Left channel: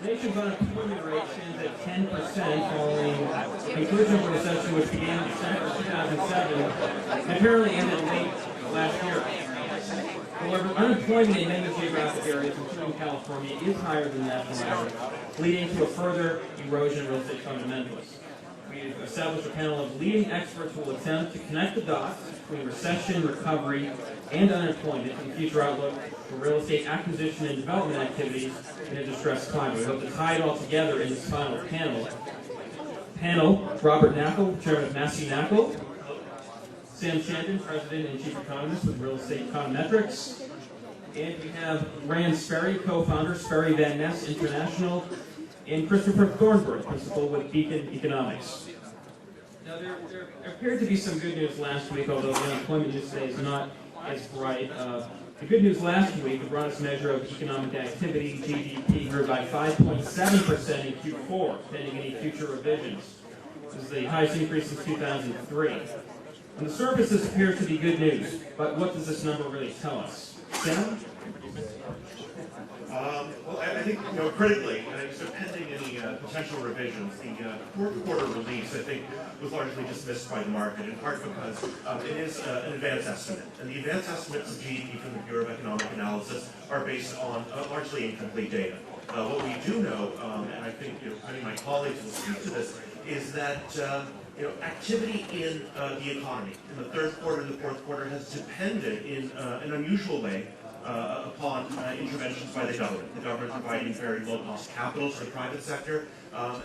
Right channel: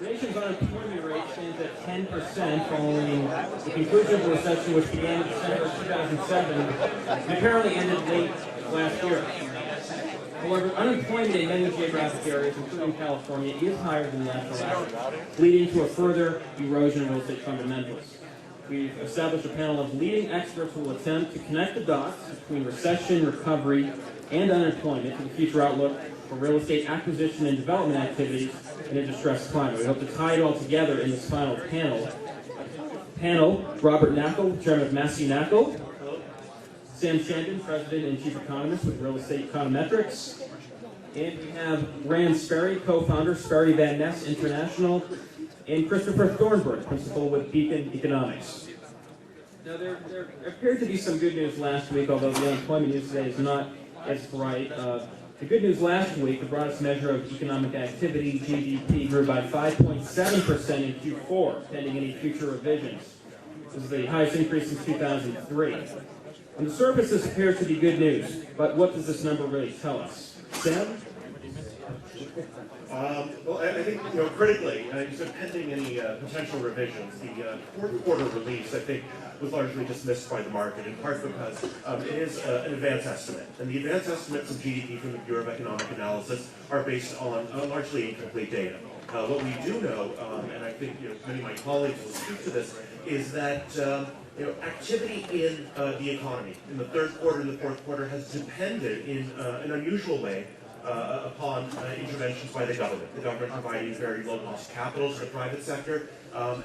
The nation's unemployment rate stands at 10% following the conclusion of a recession which began in December 2007 and apparently ended late last year. However, unemployment in many geographic areas, including California, is higher than the national average, leading to a further erosion of real estate fundamentals. We've established a panel of leading experts who will attempt to connect the dots between recession, recovery, and unemployment and the future outlook for real estate acquisition and development activities in a distressed climate. We hope to tie it all together in this final panel. Robert Knakal, Chairman of MASSEY Knakal. Chandan, President and Chief Economist with Real Estate Econometrics. And we have Sperry, co-founder, Sperry Van Ness International, and Christopher Thornberg, principal with Beacon Economics. Now, there appeared to be some good news last week, although the unemployment news today is not as bright. The good news last week, the broadest measure of economic activity, GDP, grew by 5.7% in Q4, pending any future revisions. This is the highest increase since 2003. On the surface, this appears to be good news, but what does this number really tell us? Sam? Well, I think critically, pending any potential revisions, the fourth quarter release, I think, was largely dismissed by the market, in part because it is an advance estimate. And the advance estimates of GDP from the Bureau of Economic Analysis are based on largely incomplete data. What we do know, and I think many of my colleagues will speak to this, is that activity in the economy in the third quarter and the fourth quarter has depended in an unusual way upon interventions by the government providing very low-cost capital to the private sector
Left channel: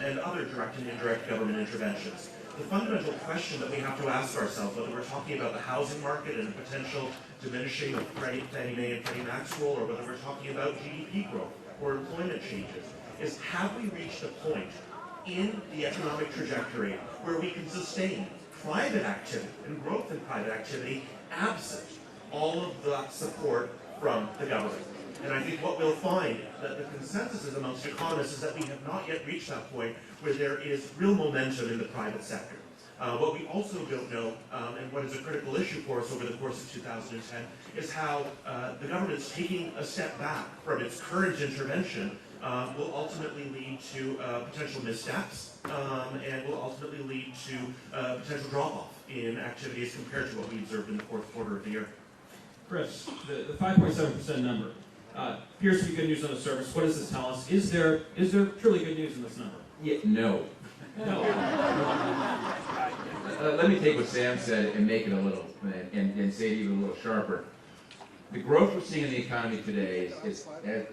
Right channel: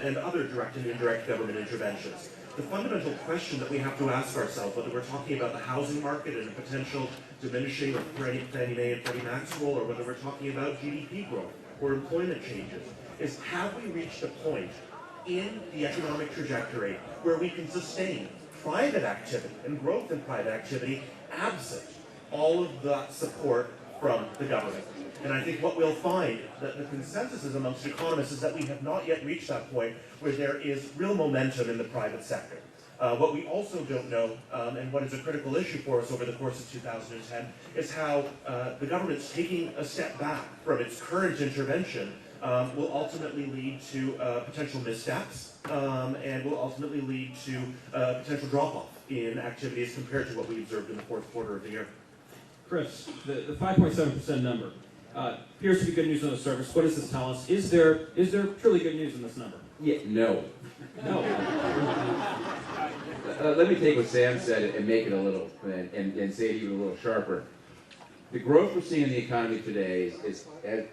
and other direct and indirect government interventions. The fundamental question that we have to ask ourselves, whether we're talking about the housing market and potential diminishing of Fannie Mae and Freddie Mac's role, or whether we're talking about GDP growth or employment changes, is have we reached a point in the economic trajectory where we can sustain private activity and growth in private activity absent all of that support from the government. And I think what we'll find, that the consensus is amongst economists, is that we have not yet reached that point where there is real momentum in the private sector. What we also don't know, and what is a critical issue for us over the course of 2010, is how the government's taking a step back from its current intervention will ultimately lead to potential missteps and will ultimately lead to potential drop-off in activities compared to what we observed in the fourth quarter of the year. Chris, the 5.7% number appears to be good news on the surface. What does this tell us? Is there truly good news in this number? Yeah, no. Let me take what Sam said and make it a little, and say it even a little sharper. The growth we're seeing in the economy today is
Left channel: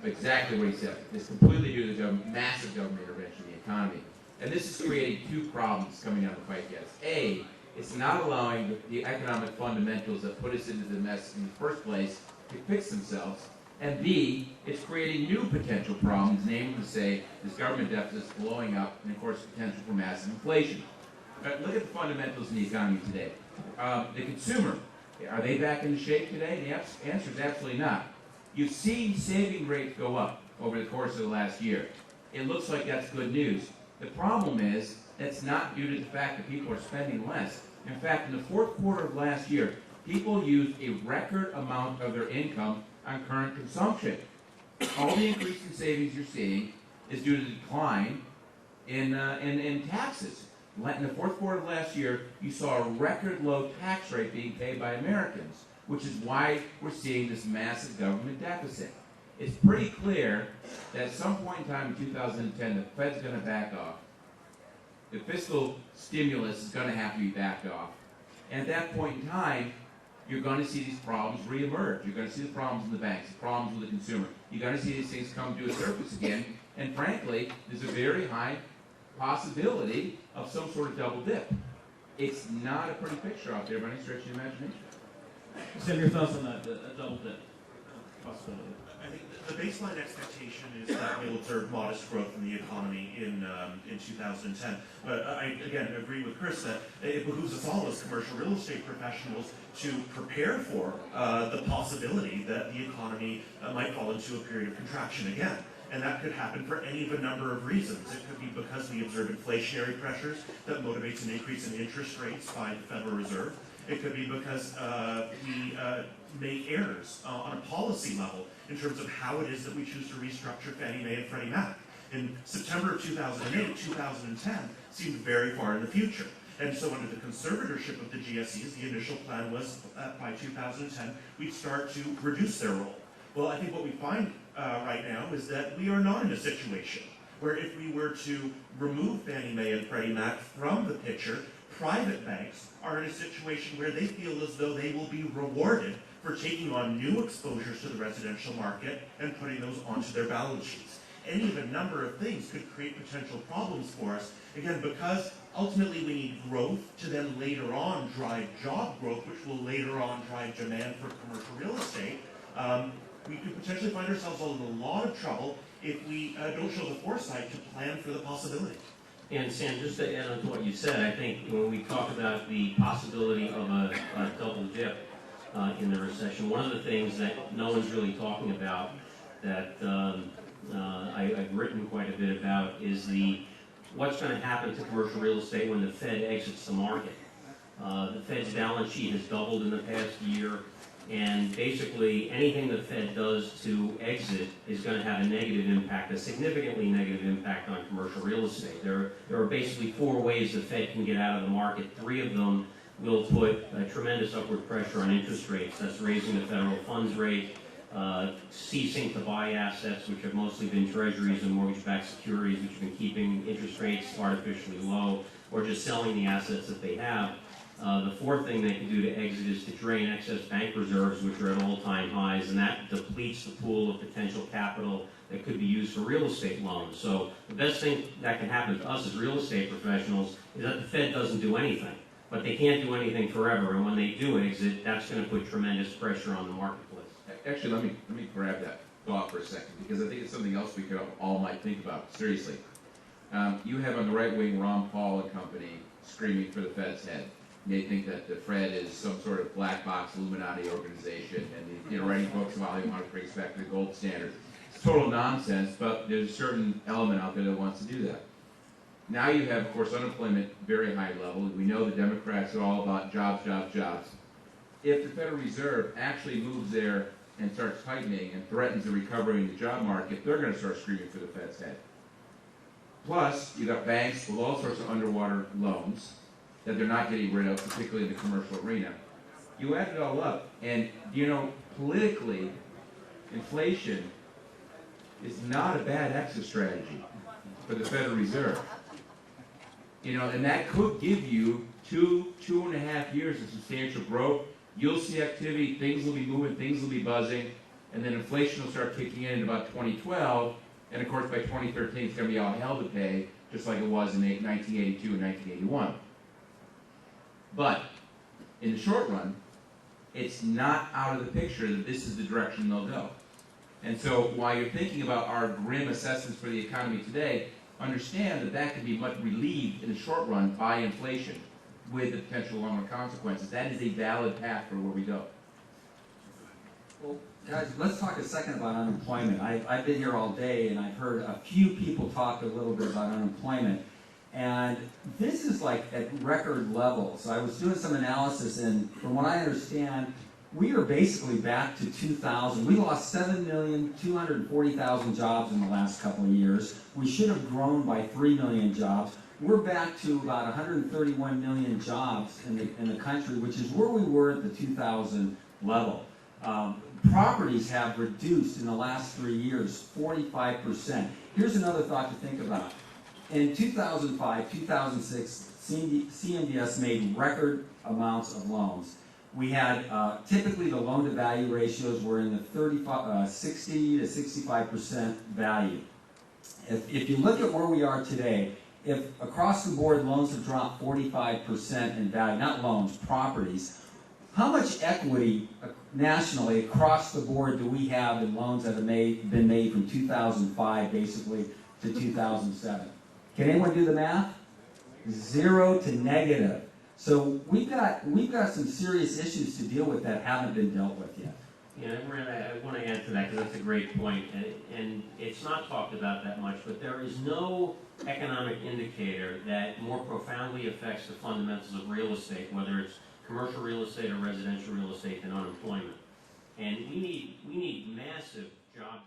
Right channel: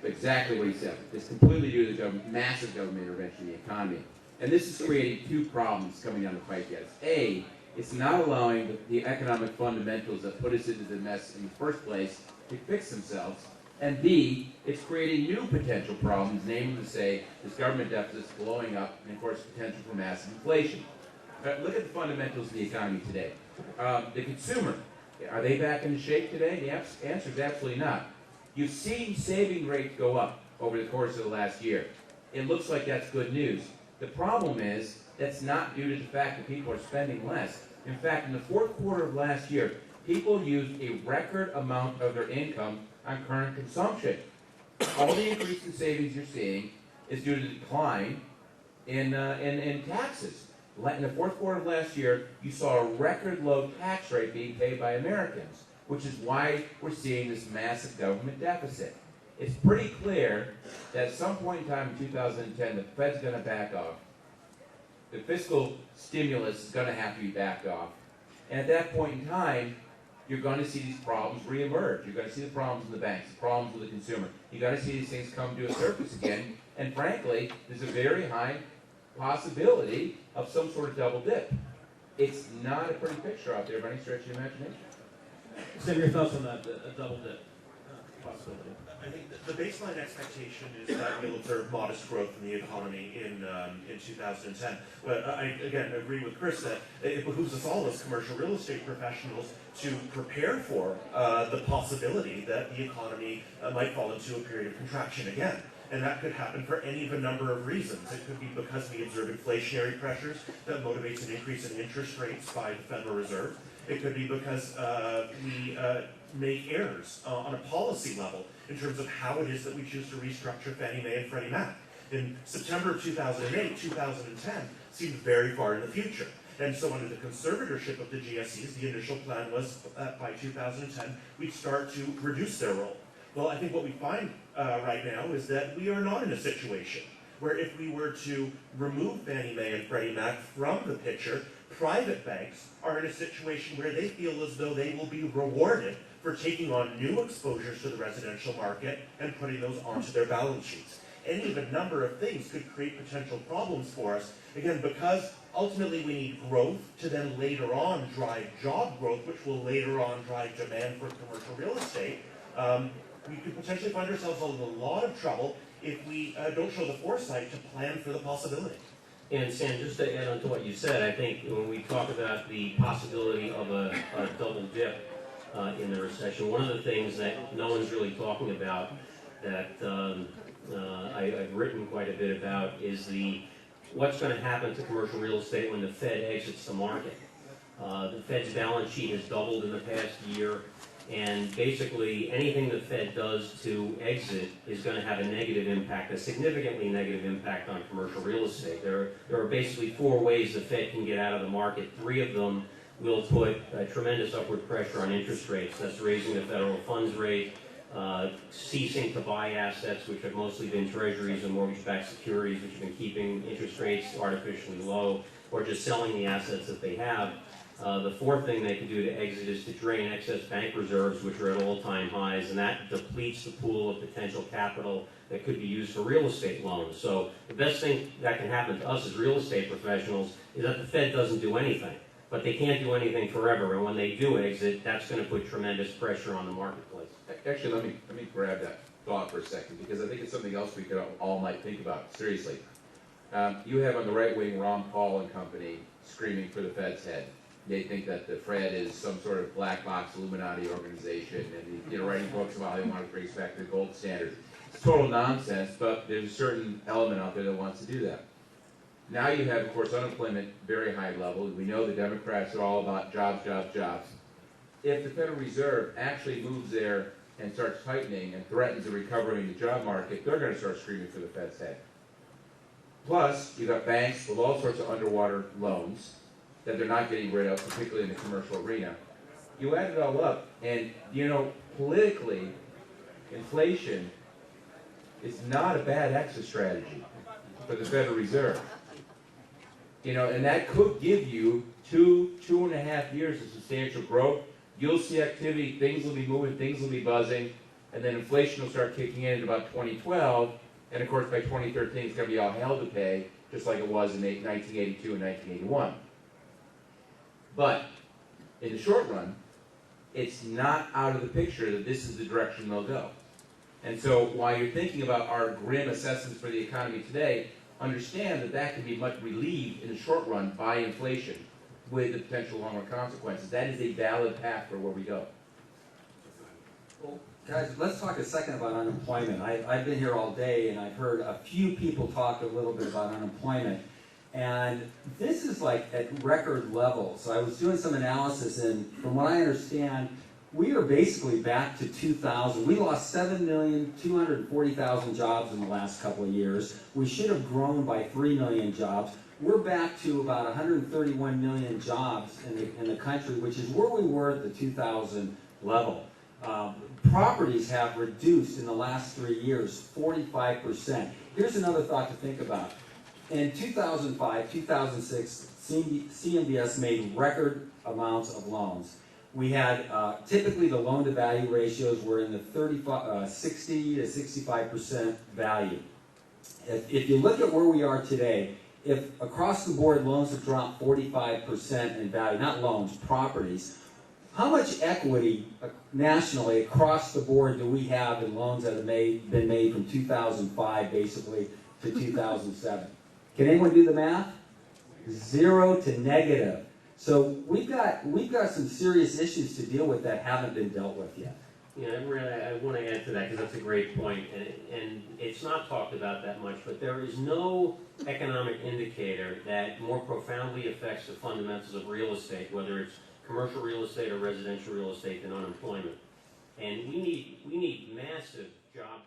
exactly what he said. It's completely due to the massive government intervention in the economy. And this is creating two problems coming down the pike. A, it's not allowing the economic fundamentals that put us into the mess in the first place to fix themselves. And B, it's creating new potential problems, namely to say this government deficit's blowing up, and of course potential for massive inflation. But look at the fundamentals in the economy today. The consumer, are they back into shape today? The answer is absolutely not. You've seen saving rates go up over the course of the last year. It looks like that's good news. The problem is that's not due to the fact that people are spending less. In fact, in the fourth quarter of last year, people used a record amount of their income on current consumption. All the increase in savings you're seeing is due to the decline in taxes. In the fourth quarter of last year, you saw a record low tax rate being paid by Americans, which is why we're seeing this massive government deficit. It's pretty clear that at some point in time in 2010, the Fed's going to back off. The fiscal stimulus is going to have to be backed off. And at that point in time, you're going to see these problems reemerge. You're going to see the problems in the banks, the problems with the consumer. You're going to see these things come to the surface again. And frankly, there's a very high possibility of some sort of double dip. It's not a pretty picture out there by any stretch of the imagination. Sam, your thoughts on that, a double dip possibility? I think the baseline expectation is that we'll observe modest growth in the economy in 2010. But I, again, agree with Chris that it behooves us all as commercial real estate professionals to prepare for the possibility that the economy might fall into a period of contraction again. And that could happen for any of a number of reasons. It could be because we observe inflationary pressures that motivates an increase in interest rates by the Federal Reserve. It could be because we make errors on a policy level in terms of how it is that we choose to restructure Fannie Mae and Freddie Mac. in September 2008, 2010 seemed very far in the future. And so under the conservatorship of the GSEs, the initial plan was that by 2010, we'd start to reduce their role. Well, I think what we find right now is that we are not in a situation where if we were to remove Fannie Mae and Freddie Mac from the picture, private banks are in a situation where they feel as though they will be rewarded for taking on new exposures to the residential market and putting those onto their balance sheets. Any of a number of things could create potential problems for us, again, because ultimately we need growth to then later on drive job growth, which will later on drive demand for commercial real estate. We could potentially find ourselves in a lot of trouble if we don't show the foresight to plan for the possibility. And Sam, just to add on to what you said, I think when we talk about the possibility of a double dip in the recession, one of the things that no one's really talking about that I've written quite a bit about is what's going to happen to commercial real estate when the Fed exits the market. The Fed's balance sheet has doubled in the past year, and basically anything the Fed does to exit is going to have a negative impact, a significantly negative impact on commercial real estate. There are basically 4 ways the Fed can get out of the market. 3 of them will put a tremendous upward pressure on interest rates. That's raising the federal funds rate, ceasing to buy assets, which have mostly been treasuries and mortgage-backed securities, which have been keeping interest rates artificially low, or just selling the assets that they have. The 4th thing they can do to exit is to drain excess bank reserves, which are at all-time highs, and that depletes the pool of potential capital that could be used for real estate loans. So the best thing that can happen to us as real estate professionals is that the Fed doesn't do anything. But they can't do anything forever, and when they do exit, that's going to put tremendous pressure on the marketplace. Actually, let me grab that thought for a second, because I think it's something else we could all might think about, seriously. You have on the right wing Ron Paul and company screaming for the Fed's head. They think that the Fed is some sort of black box Illuminati organization, and writing books about how they want to bring us back to the gold standard. It's total nonsense, but there's a certain element out there that wants to do that. Now you have, of course, unemployment very high level. We know the Democrats are all about jobs, jobs, jobs. If the Federal Reserve actually moves there and starts tightening and threatens a recovery in the job market, they're going to start screaming for the Fed's head. Plus, you got banks with all sorts of underwater loans that they're not getting rid of, particularly in the commercial arena. You add it all up, and politically, inflation is not a bad exit strategy for the Federal Reserve. And that could give you 2.5 years of substantial growth. You'll see activity, things will be moving, things will be buzzing, and then inflation will start kicking in about 2012, and of course by 2013 it's going to be all hell to pay, just like it was in 1982 and 1981. But in the short run, it's not out of the picture that this is the direction they'll go. And so while you're thinking about our grim assessments for the economy today, understand that can be much relieved in the short run by inflation with the potential longer consequences. That is a valid path for where we go. Well, guys, let's talk a second about unemployment. I've been here all day, and I've heard a few people talk a little bit about unemployment. And this is like at record levels. I was doing some analysis, and from what I understand, we are basically back to 2000. We lost 7,240,000 jobs in the last couple of years. We should have grown by 3 million jobs. We're back to about 131 million jobs in the country, which is where we were at the 2000 level. Properties have reduced in the last 3 years, 45%. Here's another thought to think about. In 2005, 2006, CMBS made record amounts of loans. We had, typically the loan-to-value ratios were in the 60 to 65% value. If you look at where we are today, if across the board loans have dropped 45% in value, not loans, properties, how much equity nationally across the board do we have in loans that have been made from 2005 basically to 2007? Can anyone do the math? 0 to negative. So we've got some serious issues to deal with that haven't been dealt with yet. Yeah, I want to add to that because that's a great point, and it's not talked about that much, but there is no economic indicator that more profoundly affects the fundamentals of real estate, whether it's commercial real estate or residential real estate, than unemployment. And we need massive job